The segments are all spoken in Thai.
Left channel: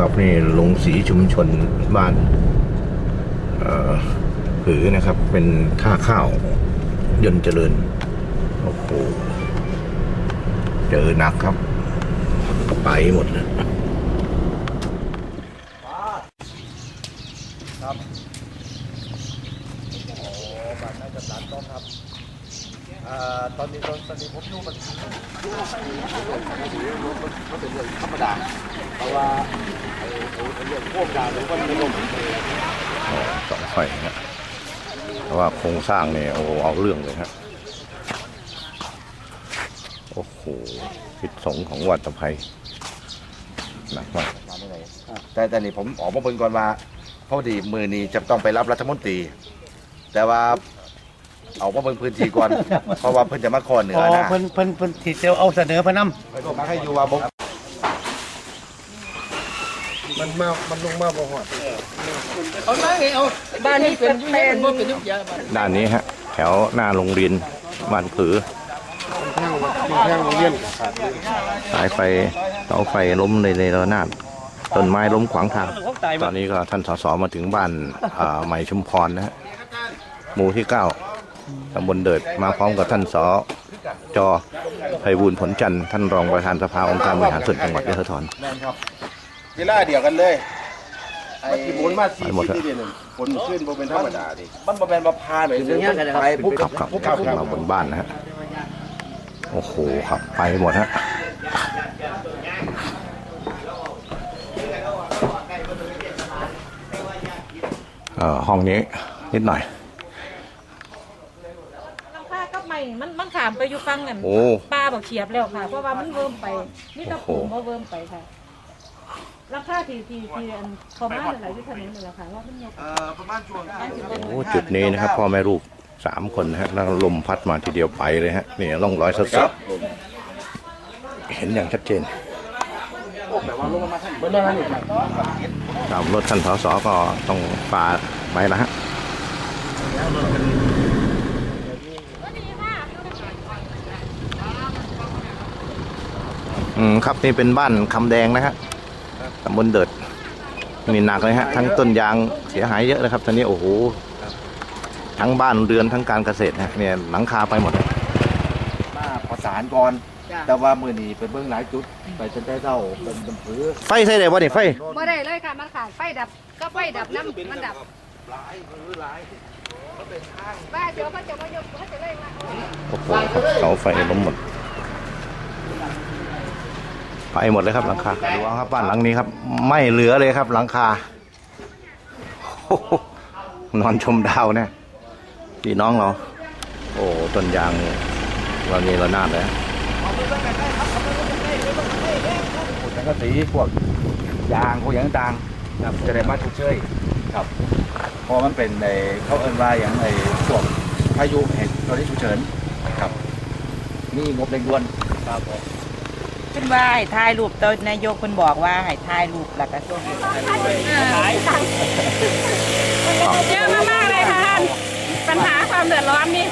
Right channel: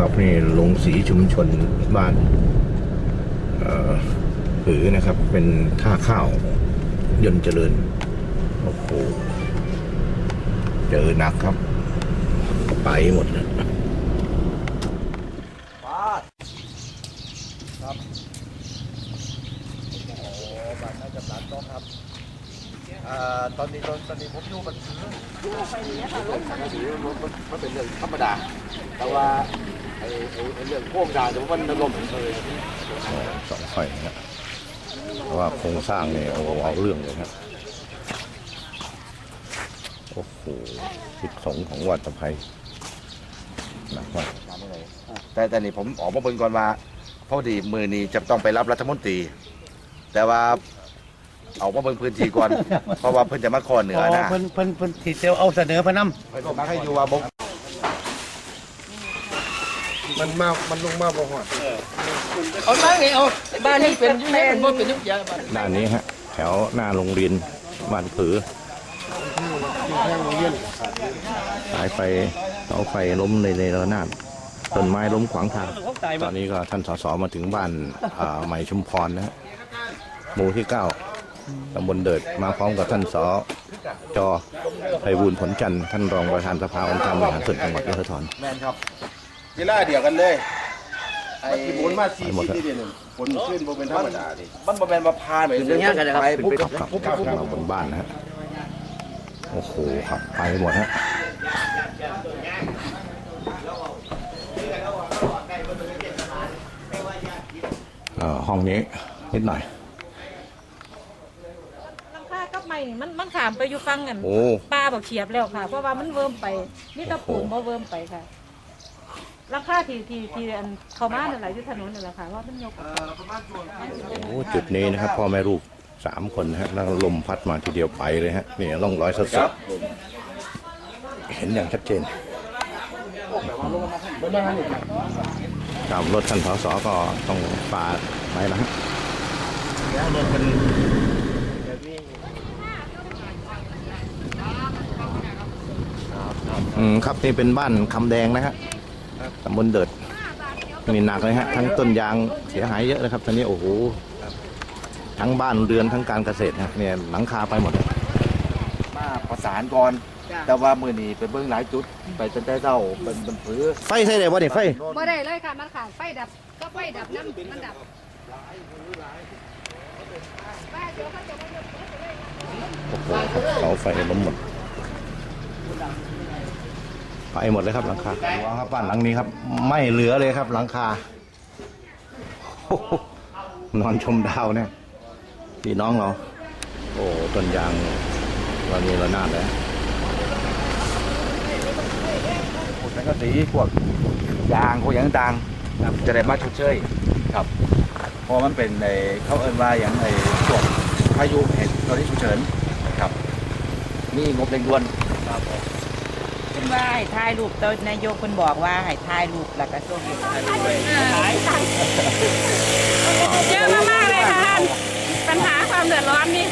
ครับนี่ลงสีชุมชนบ้านเอ่อผือนะครับ เป็นท่าข้าวยนเจริญ โอ้โห เจอหนักครับ ไปหมดแล้ว ครับโอ้บ้านน่าจะหลานต้องครับ อ่าตอนนี้ตอนตอนนี้ผมอยู่มันมันเป็นเรื่องธรรมดา เพราะว่าไอ้ไอ้ไอ้เรื่องพวกดาวหรือว่ามันลมเอออ๋อเสองไฟนะฮะเพราะว่าโครงสร้างเนี่ยโอ้โหเอาเรื่องเลยครับโอ้โหพิษสงของวัดตะไคร้หนักมากมาไม่ไหนแต่แต่นี่ผมออกมาเบิ่งก่อนว่าพอดีมือนี้จะต้องไปรับรัฐมนตรี แต่ว่า เอามาเบิ่งพื้นที่ก่อน เพราะว่าเพิ่นจะมาขอเหนือนะเพิ่นเพิ่นเพิ่นที่จะเอาเสนอเพนนเพิ่นก็มาให้อยู่ว่าบ่มันมา มันลงมาบ่หอดเอามาไงเอาบ้านนี้เป็นอยุ่งยากมันเป็นอยุ่งยากบ้านด้านนี้ฮะ แถวหน้าโรงเรียนบ้านผือที่แท่งโรงเรียนสายไฟเสาไฟล้มในในระนาดต้นไม้ล้มขวางทาง ตอนนี้ก็ท่านสสมาถึงบ้านอ่าใหม่ชุมพรนะฮะหมู่ที่เก้า ตำบลเดิดมาพร้อมกับท่านสจไพบูลย์ผลจันทร์ท่านรองประธานสภาองค์การบริหารส่วนจังหวัดยะโสธรแม่นครับเวลาเดียวกันเลยไอ้มันกี่หมุนมาสี่ไปหมดสิบแล้วที่เดียวนึงฝนขึ้นบ่เป็นธรรมดาดิมันบ่แม่นมาพานไปเรื่อยๆไปปุ๊บครับครับครับมาบนบ้านนะฮะโอ้โหครับไปหมดฮะเอ่อห้องนี้นิดหน่อย หลังคากับไม้ นี่มันมันขามไปอยู่ฟังกันโอ้ป้าบอกเฉียบแล้วค่ะ เพราะว่ามันเวิร์มไปนี่ตะปูมาเวิร์มไปค่ะหลังคาที่ที่ที่อันเขามาอะไรที่ถนนนี่แหละค่ะว่ามันยกเอ่อประมาณช่วงโอ้จุดนี้นะครับพ่อแม่ลูกสามคนนะฮะแล้วลมพัดมาทีเดียวไปเลยฮะนี่ร่องรอยสดๆเห็นอย่างชัดเจนครับรถท่านสสก็ต้องฝ่าไปนะฮะ อืมครับนี่เป็นบ้านคำแดงนะฮะตำบลเดิดนี่หนักเลยฮะทั้งต้นยางเสียหายเยอะเลยครับตอนนี้โอ้โหทั้งบ้านเรือนทั้งการเกษตรฮะเนี่ยหลังคาไปหมดเลยมาประสานก่อน แต่ว่ามื้อนี้ไปเบิ่งหลายจุด ไปจนได้เท่าเป็นเป็นผือไฟใช่เลยว่านี่ไฟบ่ได้เลยค่ะมันขาดไฟดับก็ไฟดับน้ำมันดับบ้าเดี๋ยวเขาจะมายกเขาจะเลยมาโอ้โหเสาไฟล้มหมด ไปหมดเลยครับหลังคาดูเอาครับบ้านหลังนี้ครับ ไม่เหลือเลยครับ หลังคาโอ้โหนอนชมดาวเนี่ยพี่น้องเรา โอ้ต้นยางเรานี่ระนาดเลยพวกสังกะสีพวกยางพวกอย่างต่างๆจะได้มาชดเชยครับเพอมันเป็นในเขาเอิ้นว่าอย่างไอ้พวกพายุเหตุตอนนี้ฉุกเฉินครับมีงบเร่งด่วนครับ ผมเพิ่นว่าให้ถ่ายรูปตอนนายกเพิ่นบอกว่าให้ถ่ายรูปแล้วก็ส่งให้ถ่ายรูปเยอะมากๆเลยค่ะท่านปัญหาความเดือดร้อนนี่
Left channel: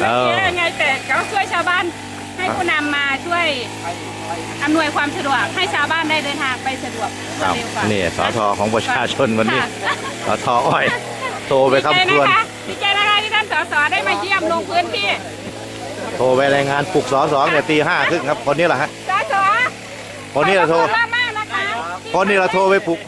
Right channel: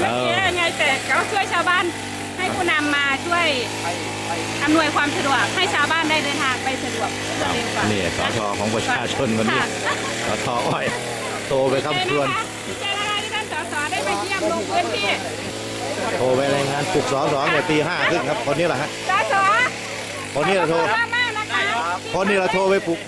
ไม่เยอะยังไงแต่ก็ช่วยชาวบ้านให้ผู้นำมาช่วยอำนวยความสะดวกให้ชาวบ้านได้เดินทางไปสะดวกครับเร็วกว่านี่สอทอของประชาชนวันนี้สอทออ้อยโทรไปครับดีทใจวนนะคะดีใจนะคะที่ท่านสสได้มาเยี่ยมลงพื้นที่โทรไปรายงานปลุกสอสองเนี่ยตีห้าครึ่งครับคนนี้แหละฮะ คนนี้เราโทรขอบคุณมากๆนะคะคนนี้เราโทรไปปลุก